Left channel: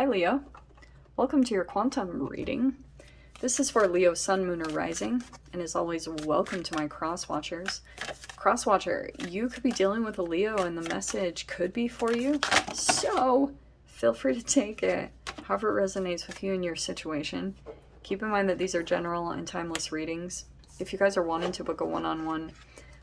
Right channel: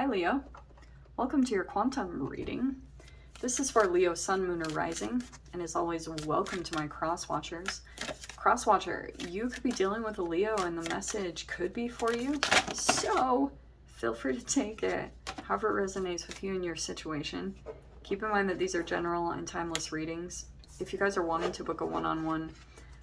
Hi Leo, welcome to your quantum reading. This is for Leo Sun, Moon, or Rising, and as always, welcome to my cross-watchers. Cross-watcher, you could be dealing with a Leo and the message could be for you, so feel free to take it however it resonates with you and your situation. Keep in mind that these are general and timeless readings. If you guys are wanting to book a one-on-one,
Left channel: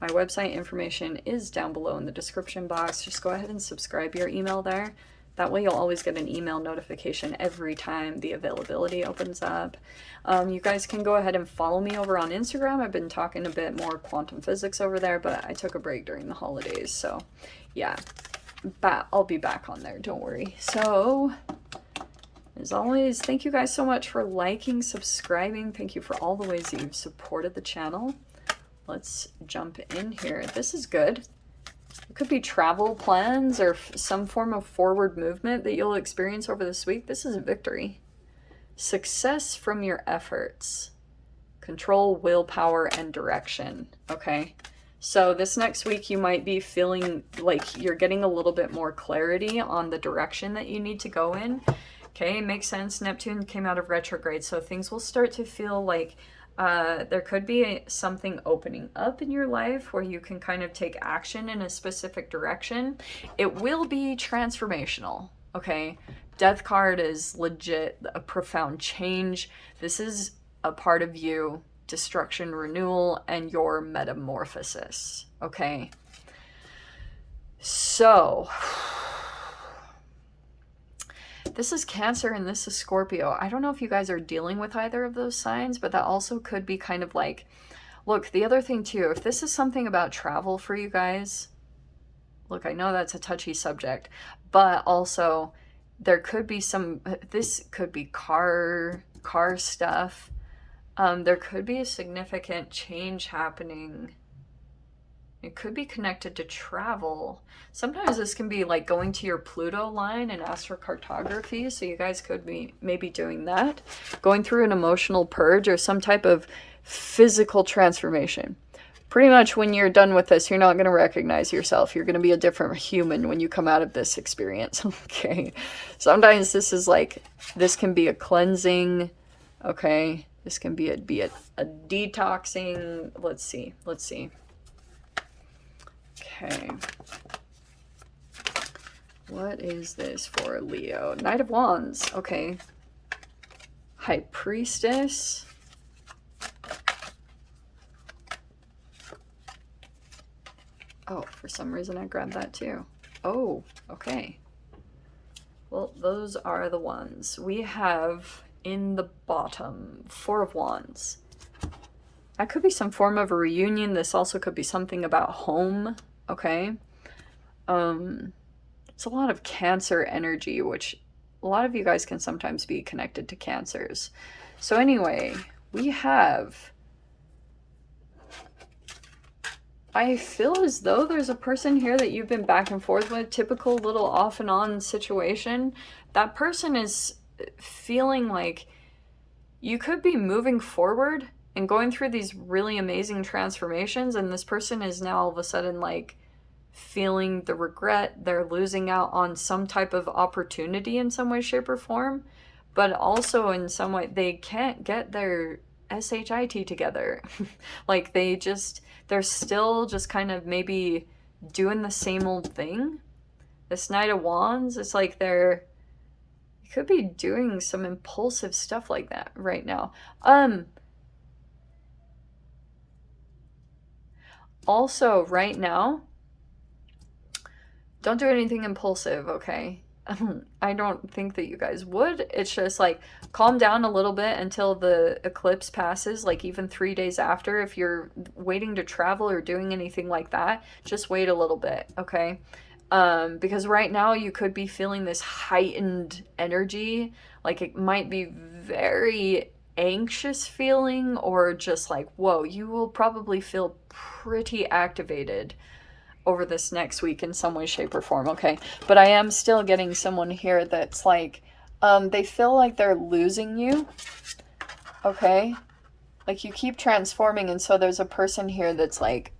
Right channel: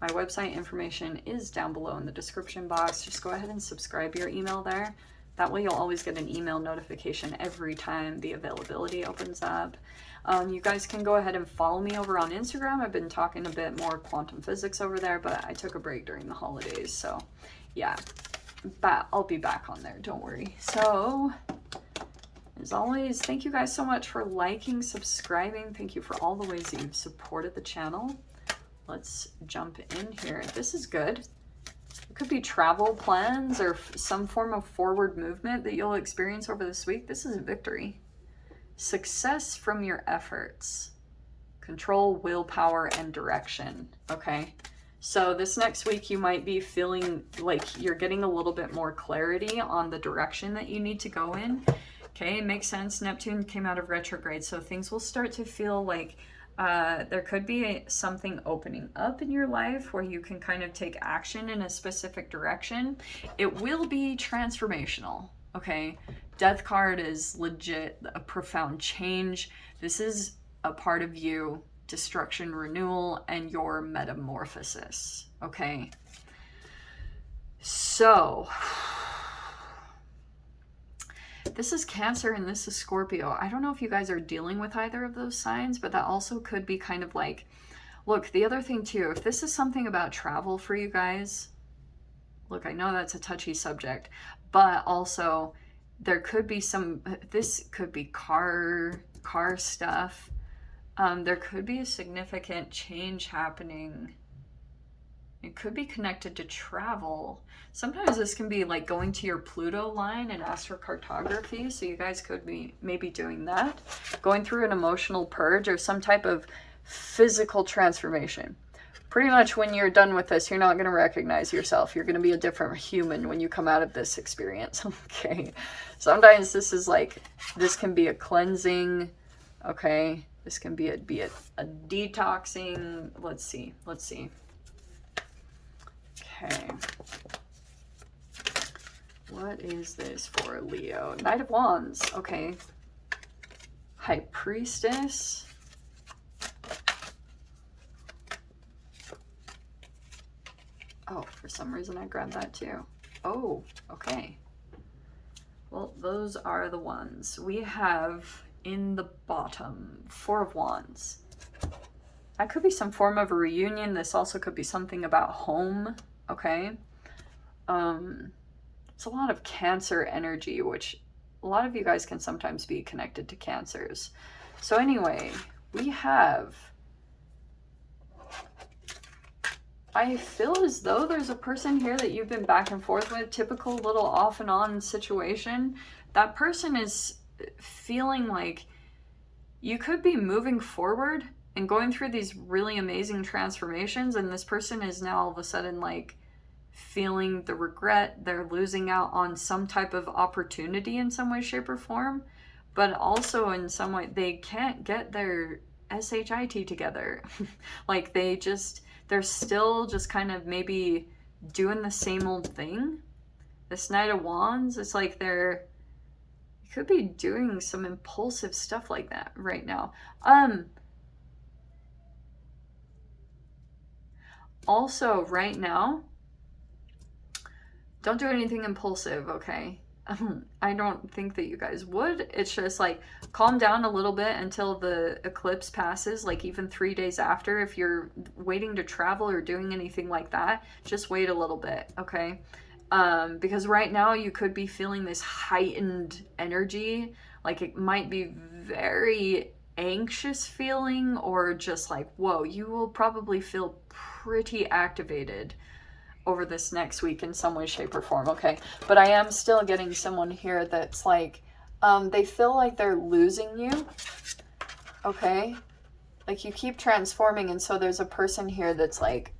my website information is down below in the description box. Just go ahead and subscribe your email there. That way you'll always get an email notification every time the availability opens up. You guys can go ahead and follow me over on Instagram. I've been talking a bit more quantum physics over there, but I took a break during the holidays. So yeah, I'll be back on there, don't worry. So as always, thank you guys so much for liking, subscribing. Thank you for all the ways that you've supported the channel. Let's jump in here. This is good. It could be travel plans or some form of forward movement that you'll experience over this week. This is a victory. Success from your efforts. Control, willpower, and direction. Okay. So this next week you might be feeling like you're getting a little bit more clarity on the direction that you need to go in. Okay, makes sense. Neptune came out of retrograde, so things will start to feel like there could be something opening up in your life where you can kind of take action in a specific direction. It will be transformational, okay? Death card is legit a profound change. This is a part of you, destruction, renewal, and your metamorphosis, okay? So this is Cancer and this is Scorpio. I don't know if you guys are dealing with either of those signs, but that also could be kind of like, look, the other thing too, if this is something about travel for you guys, look, I know that's a touchy subject, but also there could be this could be car stuff. There could be a significant change happening. It could be connected to travel. Sometimes this can be like going to your Pluto line in astrocartography, so you guys could be maybe doing that. Going through an emotional purge or some type of physical transformation. Pretty much when you're done with this, you're not going to recognize yourself. You're going to be a different human when you come out of this experience, okay? Sometimes this is like, this can be a cleansing, okay? This can be a detoxing. Let's see. Okay. What is this for Leo? Knight of Wands. Okay. High Priestess. Oh, for some reason I grabbed that too. Oh, okay. Well, those are the ones. We have in the bottom, Four of Wands. That could be some form of a reunion. This also could be something about home. Okay. It's a lot of Cancer energy, which a lot of you guys can sometimes be connected to Cancers. So anyway, we have, I feel as though there's a person here that you've been back and forth with, typical little off and on situation. That person is feeling like you could be moving forward and going through these really amazing transformations, and this person is now all of a sudden like feeling the regret. They're losing out on some type of opportunity in some way, shape, or form, but also in some way they can't get their SHIT together. Like they're still just kind of maybe doing the same old thing. This Knight of Wands, it's like you could be doing some impulsive stuff like that right now. Also, right now, don't do anything impulsive, okay? I don't think that you guys would. It's just like, calm down a little bit until the eclipse passes, like even 3 days after. If you're waiting to travel or doing anything like that, just wait a little bit, okay? Because right now you could be feeling this heightened energy. Like it might be very anxious feeling, or just like, whoa, you will probably feel pretty activated over this next week in some way, shape, or form, okay? But I am still getting someone here that's like, they feel like they're losing you, okay? Like you keep transforming, and so there's a person here that's like,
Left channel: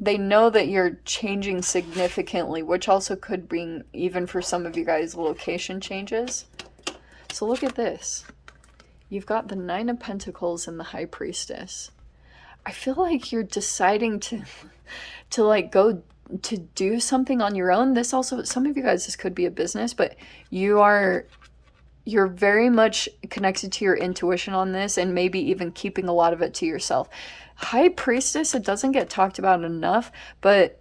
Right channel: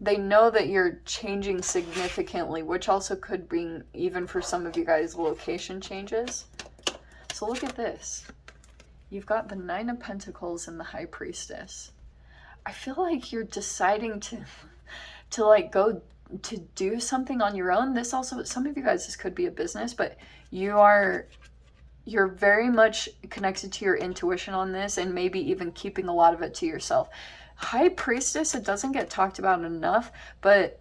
they know that you're changing significantly, which also could bring, even for some of you guys, location changes. So look at this. You've got the Nine of Pentacles and the High Priestess. I feel like you're deciding to like go to do something on your own. This also, some of you guys, this could be a business, but you're very much connected to your intuition on this, and maybe even keeping a lot of it to yourself. High Priestess, it doesn't get talked about enough, but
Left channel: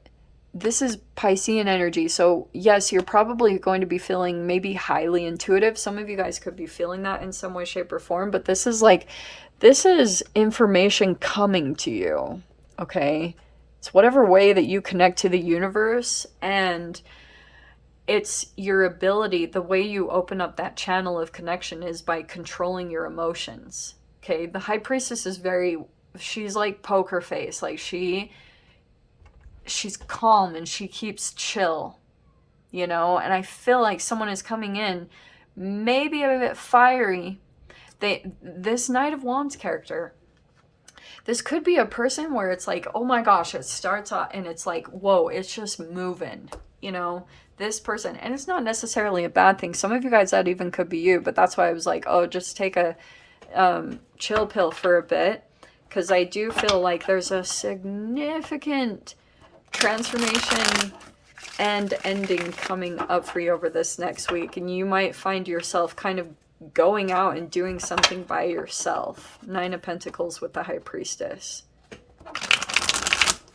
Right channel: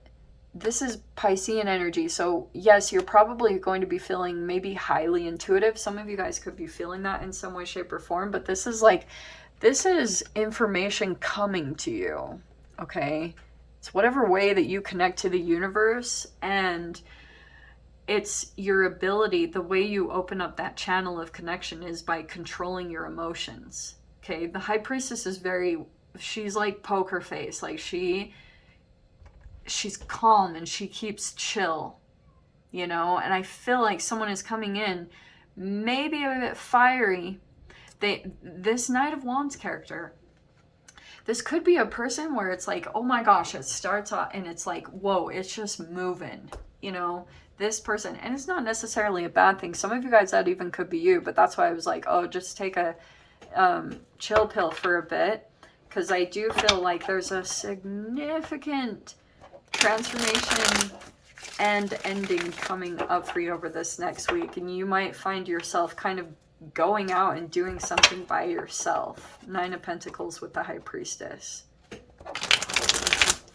this is Piscean energy. So yes, you're probably going to be feeling maybe highly intuitive. Some of you guys could be feeling that in some way, shape, or form, but this is information coming to you, okay? It's whatever way that you connect to the universe, and it's your ability, the way you open up that channel of connection is by controlling your emotions, okay? The High Priestess is she's like poker face, like she's calm and she keeps chill, you know? And I feel like someone is coming in, maybe a bit fiery. This Knight of Wands character, this could be a person where it's like, oh my gosh, it starts off and it's like, whoa, it's just moving, you know? This person, and it's not necessarily a bad thing. Some of you guys, that even could be you, but that's why I was like, oh, just take a chill pill for a bit, because I do feel like there's a significant transformation and ending coming up for you over this next week, and you might find yourself kind of going out and doing something by yourself. Nine of Pentacles with the High Priestess.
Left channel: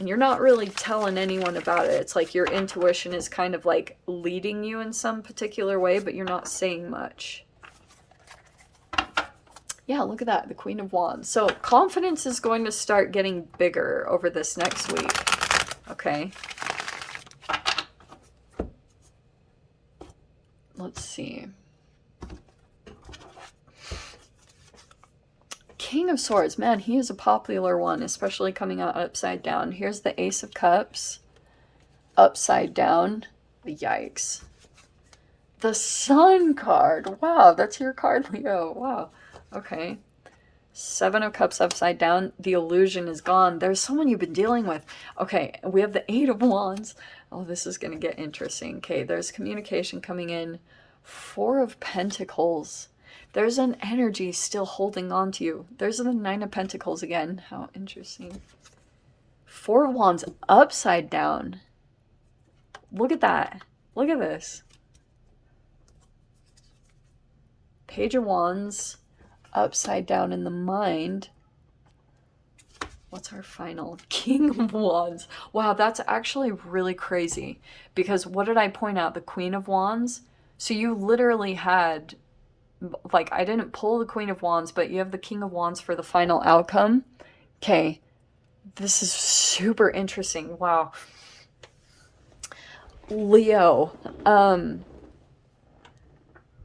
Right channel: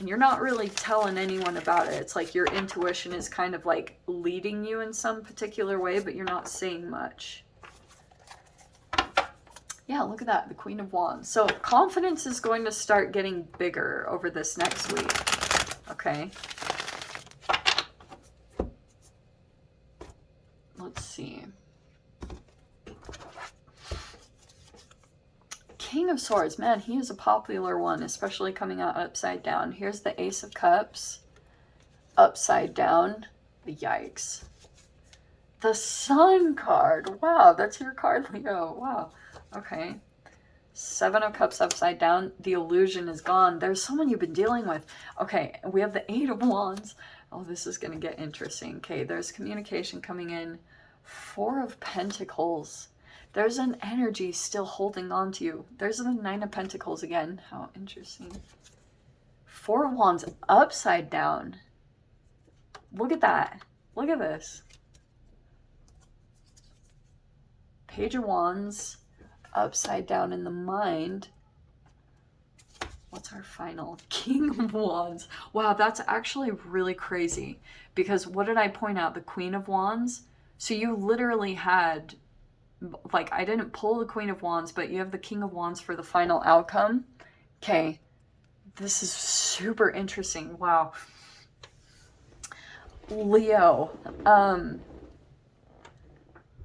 And you're not really telling anyone about it. It's like your intuition is kind of like leading you in some particular way, but you're not saying much. Yeah, look at that, the Queen of Wands. So confidence is going to start getting bigger over this next week. Okay. Let's see. King of Swords, man, he is a popular one, especially coming out upside down. Here's the Ace of Cups, upside down. Yikes. The Sun card. Wow, that's your card, Leo. Wow. Okay. Seven of Cups upside down. The illusion is gone. There's someone you've been dealing with. Okay, we have the Eight of Wands. Oh, this is going to get interesting. Okay, there's communication coming in. Four of Pentacles. There's an energy still holding on to you. There's the Nine of Pentacles again. How interesting. Four of Wands upside down. Look at that. Look at this. Page of Wands upside down in the mind. What's our final? King of Wands. Wow, that's actually really crazy. Because what did I point out? The Queen of Wands. So you literally had, like, I didn't pull the Queen of Wands, but you have the King of Wands for the final outcome. Okay. This is super interesting. Wow. Leo.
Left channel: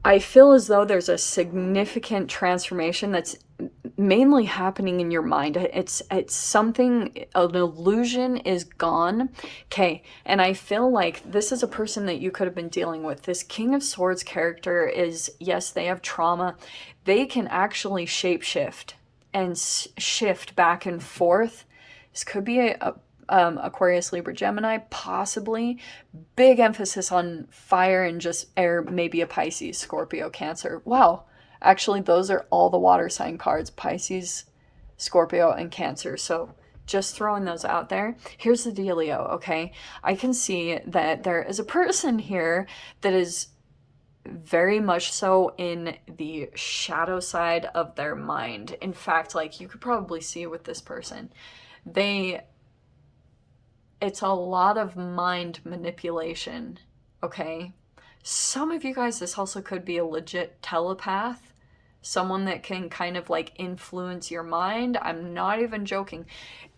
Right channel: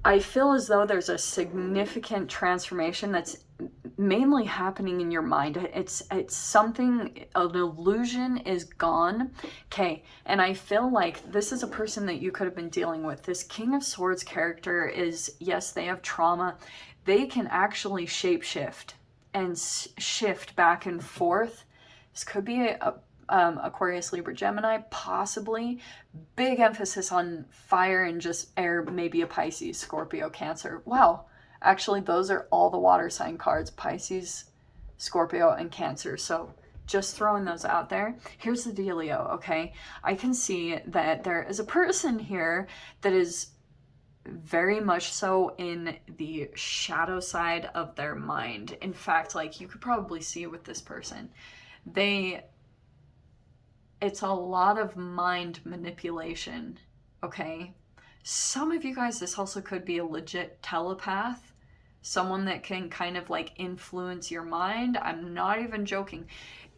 I feel as though there's a significant transformation that's mainly happening in your mind. It's something, an illusion is gone. Okay, and I feel like this is a person that you could have been dealing with. This King of Swords character is, yes, they have trauma. They can actually shapeshift and shift back and forth. This could be Aquarius, Libra, Gemini, possibly. Big emphasis on fire and just air, maybe a Pisces, Scorpio, Cancer. Wow. Actually, those are all the water sign cards. Pisces, Scorpio, and Cancer. So just throwing those out there. Here's the dealio, okay? I can see that there is a person here that is very much so in the shadow side of their mind. In fact, like, you could probably see with this person. It's a lot of mind manipulation, okay? Some of you guys, this also could be a legit telepath, someone that can kind of like influence your mind. I'm not even joking.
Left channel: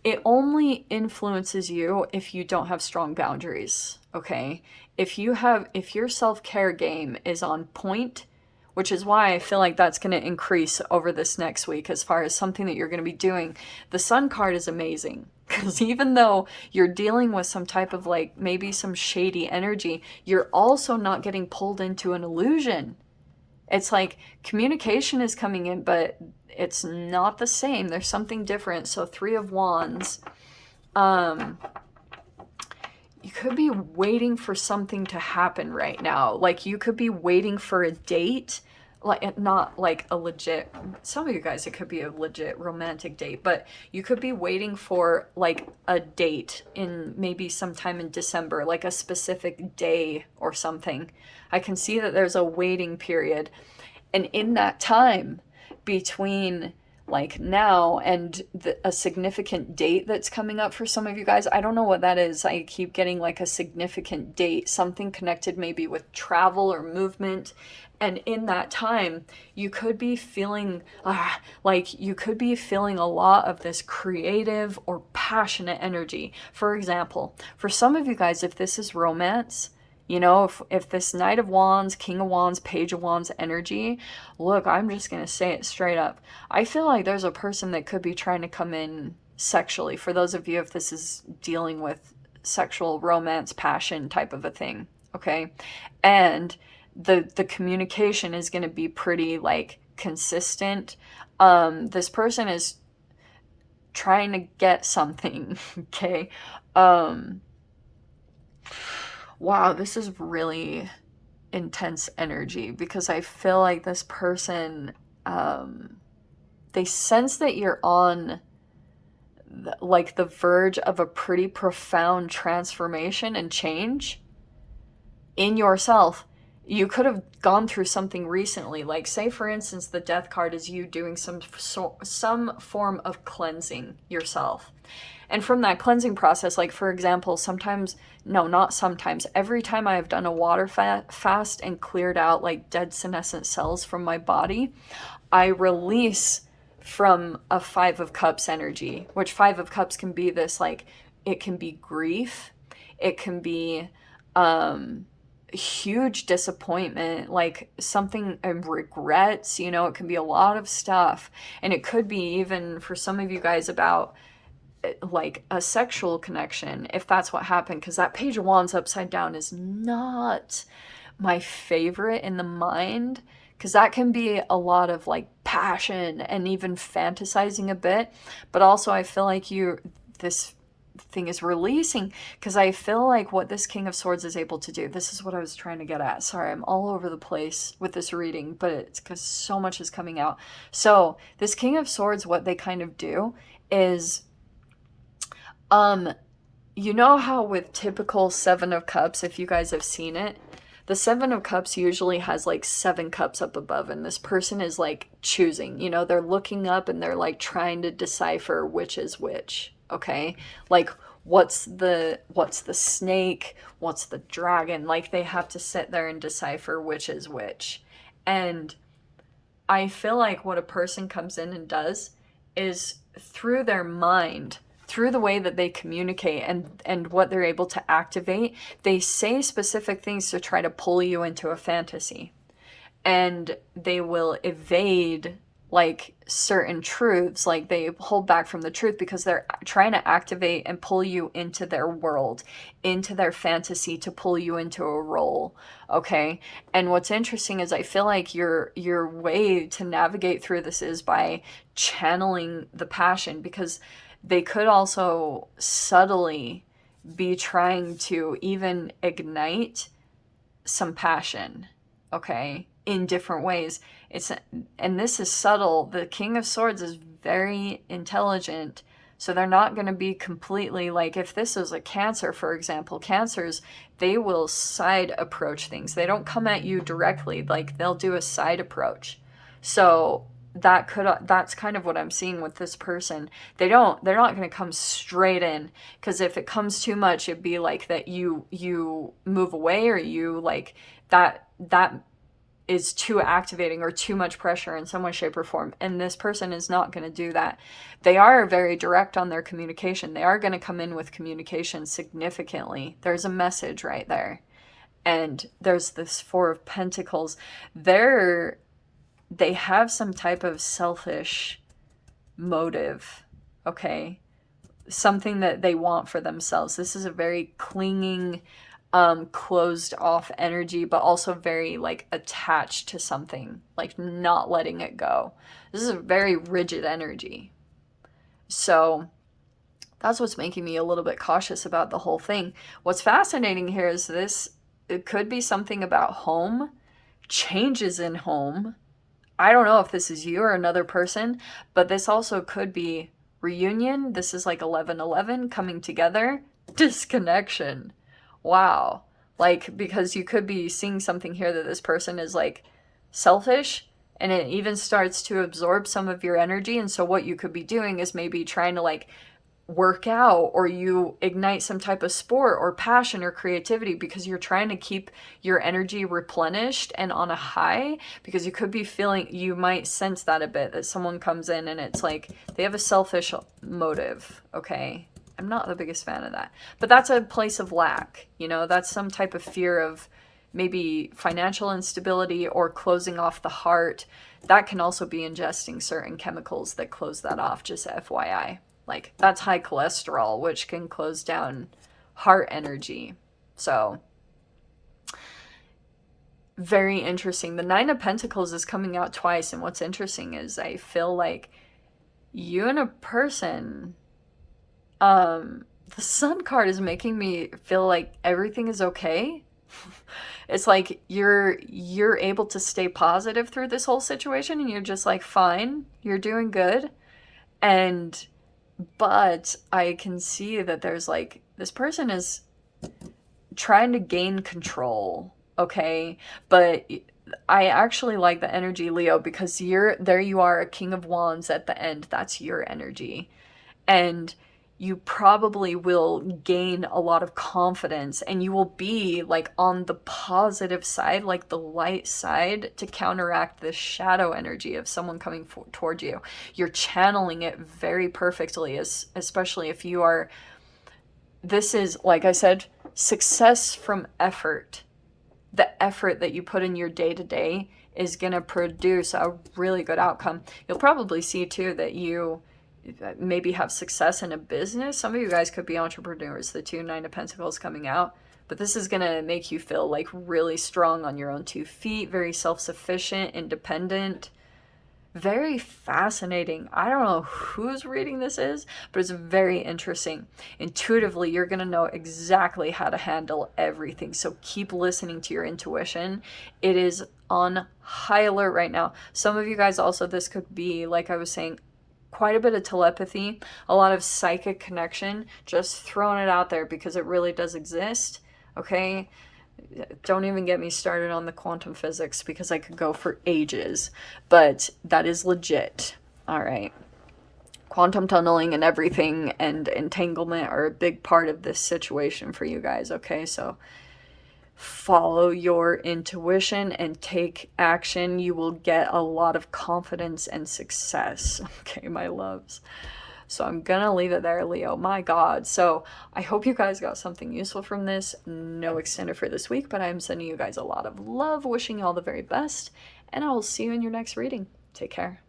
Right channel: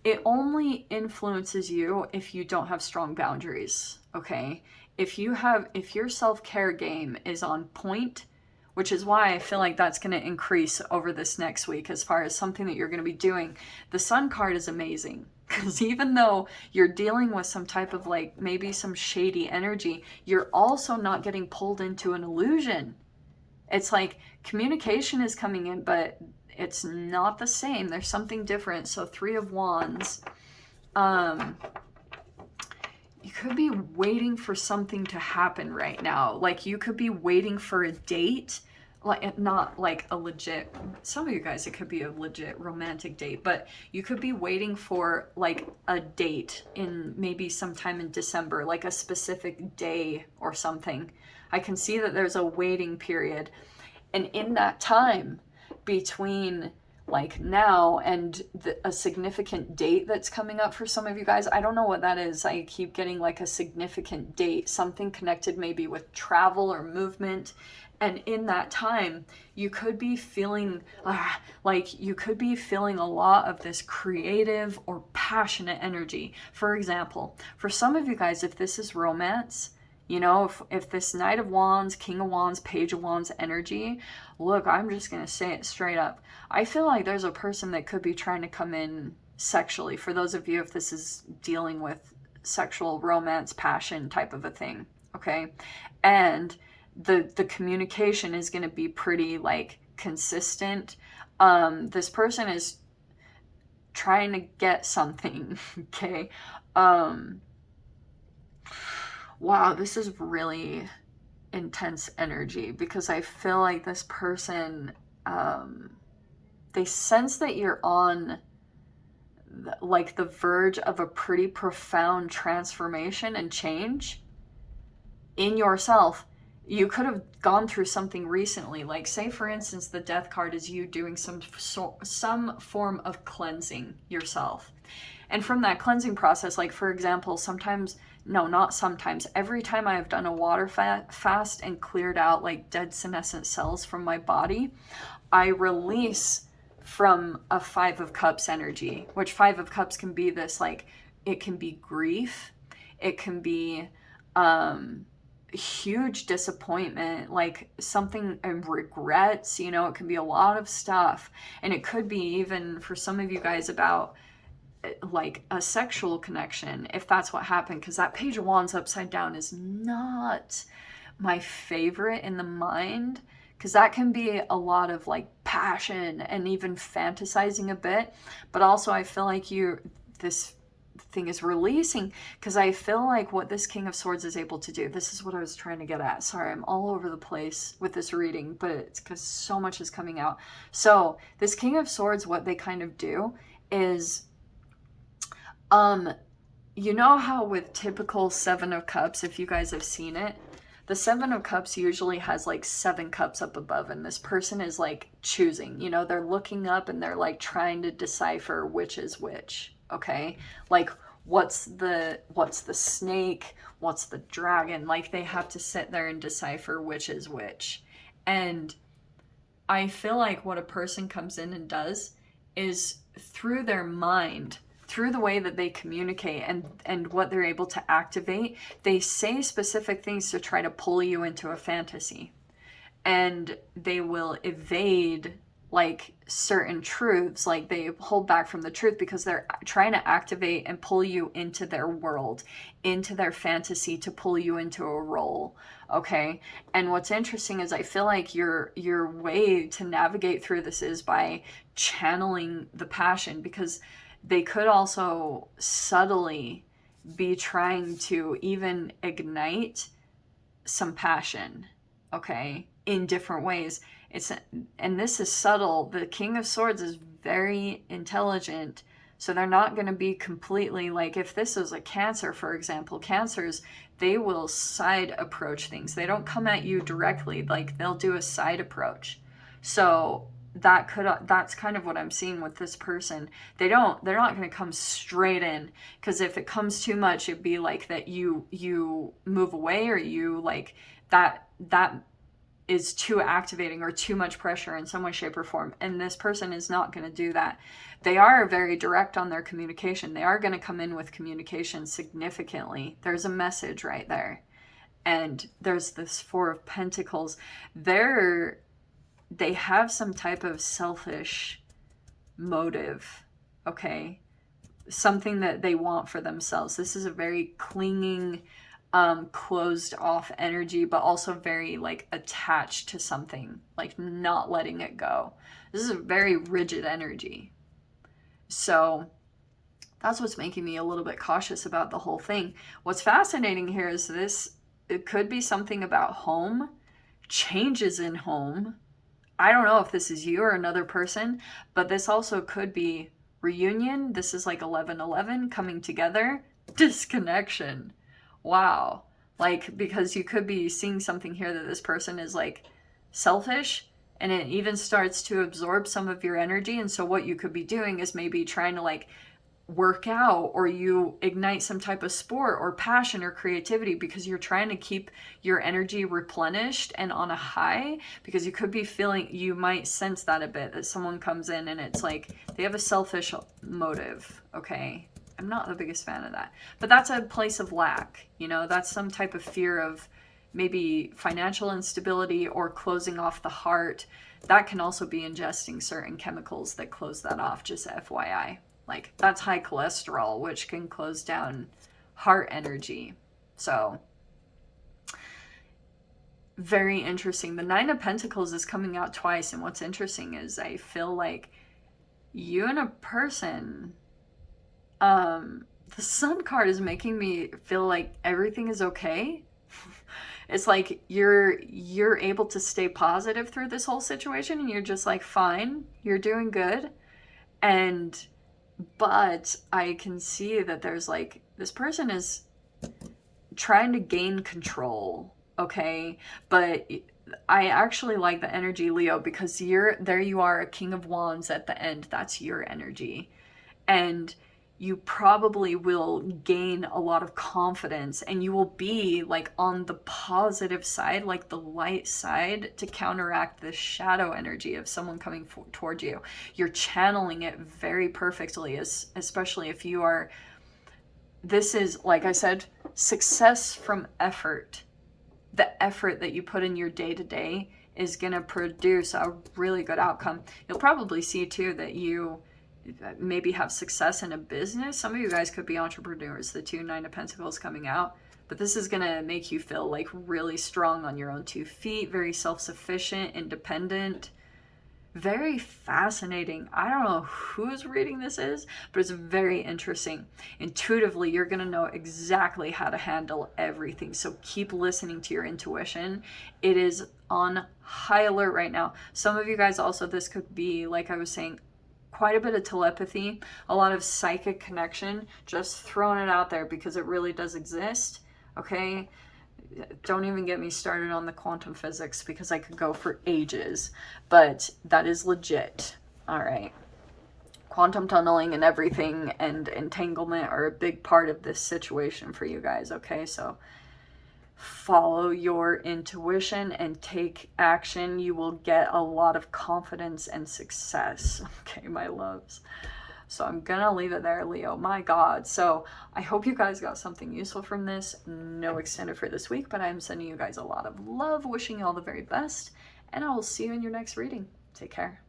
It only influences you if you don't have strong boundaries, okay? If your self-care game is on point, which is why I feel like that's going to increase over this next week as far as something that you're going to be doing. The Sun card is amazing, because even though you're dealing with some type of like maybe some shady energy, you're also not getting pulled into an illusion. It's like communication is coming in, but it's not the same. There's something different. So Three of Wands. You could be waiting for something to happen right now. Like, you could be waiting for a date. like not like a legit, some of you guys it could be a legit romantic date, but you could be waiting for like a date in maybe sometime in December, like a specific day or something. I can see that there's a waiting period, and in that time between like now and a significant date that's coming up for some of you guys, I don't know what that is. I keep getting like a significant date, something connected maybe with travel or movement. And in that time, you could be feeling like you could be feeling a lot of this creative or passionate energy. For example, for some of you guys, if this is romance, you know, if this Knight of Wands, King of Wands, Page of Wands energy, look, I'm just going to say it straight up. I feel like there's a person that could be trying to come in sexually. For those of you, if this is dealing with sexual romance, passion type of a thing, okay? And the communication is going to be pretty like consistent. This person is trying to get something, okay? Wow, this is really intense energy because I feel like this person, they sense that you're on like the verge of a pretty profound transformation and change in yourself. You could have gone through something recently, like say for instance the death card is you doing some form of cleansing yourself. And from that cleansing process, like for example, sometimes, no, not sometimes, every time I've done a water fast and cleared out like dead senescent cells from my body, I release from a Five of Cups energy, which Five of Cups can be this like, it can be grief, it can be huge disappointment, like something, regrets, you know, it can be a lot of stuff. And it could be even for some of you guys about like a sexual connection, if that's what happened, because that Page of Wands upside down is not my favorite in the mind, because that can be a lot of like passion and even fantasizing a bit. But also I feel like this thing is releasing, because I feel like what this King of Swords is able to do, this is what I was trying to get at. Sorry, I'm all over the place with this reading, but it's because so much is coming out. So this King of Swords, what they kind of do is, you know how with typical Seven of Cups, if you guys have seen it, the Seven of Cups usually has like 7 cups up above, and this person is like choosing, you know, they're looking up and they're like trying to decipher which is which, okay? Like what's the snake, what's the dragon? Like they have to sit there and decipher which is which. And I feel like what a person comes in and does is through their mind, through the way that they communicate and what they're able to activate, they say specific things to try to pull you into a fantasy. And they will evade like certain truths, like they hold back from the truth because they're trying to activate and pull you into their world, into their fantasy, to pull you into a role, okay? And what's interesting is I feel like your way to navigate through this is by channeling the passion, because they could also subtly be trying to even ignite some passion, okay, in different ways. And this is subtle. The King of Swords is very intelligent, so they're not going to be completely like, if this is a Cancer, for example, Cancers, they will side approach things. They don't come at you directly, like they'll do a side approach. So that's kind of what I'm seeing with this person. They're not going to come straight in, because if it comes too much, it'd be like that you move away, or you like that is too activating or too much pressure in some way, shape, or form. And this person is not going to do that. They are very direct on their communication. They are going to come in with communication significantly. There's a message right there. And there's this Four of Pentacles. They have some type of selfish motive, okay? Something that they want for themselves. This is a very clinging, closed off energy, but also very like attached to something, like not letting it go. This is a very rigid energy. So that's what's making me a little bit cautious about the whole thing. What's fascinating here is it could be something about home, changes in home, I don't know if this is you or another person, but this also could be reunion. This is like 11:11 coming together, disconnection. Wow. Like, because you could be seeing something here that this person is like selfish, and it even starts to absorb some of your energy. And so, what you could be doing is maybe trying to like work out, or you ignite some type of sport or passion or creativity because you're trying to keep your energy replenished and on a high, because you could be feeling, you might sense that a bit, that someone comes in and it's like they have a selfish motive. Okay, I'm not the biggest fan of that, but that's a place of lack, you know, that's some type of fear of maybe financial instability or closing off the heart. That can also be ingesting certain chemicals that close that off, just FYI. Like, that's high cholesterol, which can close down heart energy. So, very interesting. The Nine of Pentacles is coming out twice, and what's interesting is I feel like you and a person, the Sun card is making me feel like everything is okay. It's like you're able to stay positive through this whole situation, and you're just like, fine, you're doing good. And but I can see that there's like, this person is trying to gain control, okay? But I actually like the energy, Leo, because you're there, you are a King of Wands at the end. That's your energy. And you probably will gain a lot of confidence, and you will be like on the positive side, like the light side, to counteract the shadow energy of someone coming toward you. You're channeling it very perfectly, especially if you are, this is, like I said, success from effort. The effort that you put in your day to day is going to produce a really good outcome. You'll probably see too that you maybe have success in a business. Some of you guys could be entrepreneurs, the two Nine of Pentacles coming out. But this is going to make you feel like really strong on your own 2 feet, very self-sufficient, independent. Very fascinating. I don't know whose reading this is, but it's very interesting. Intuitively, you're going to know exactly how to handle everything. So keep listening to your intuition. It is on high alert right now. Some of you guys also, this could be, like I was saying, quite a bit of telepathy, a lot of psychic connection, just throwing it out there because it really does exist, okay? Don't even get me started on the quantum physics because I could go for ages, but that is legit. All right. Quantum tunneling and everything and entanglement are a big part of this situation for you guys, okay? So follow your intuition and take action. You will get a lot of confidence and success. Okay, my loves. So I'm gonna leave it there, Leo. My God. So I hope you guys got something useful from this. No extended for this week, but I'm sending you guys a lot of love, wishing you all the very best, and I will see you in your next reading. Take care.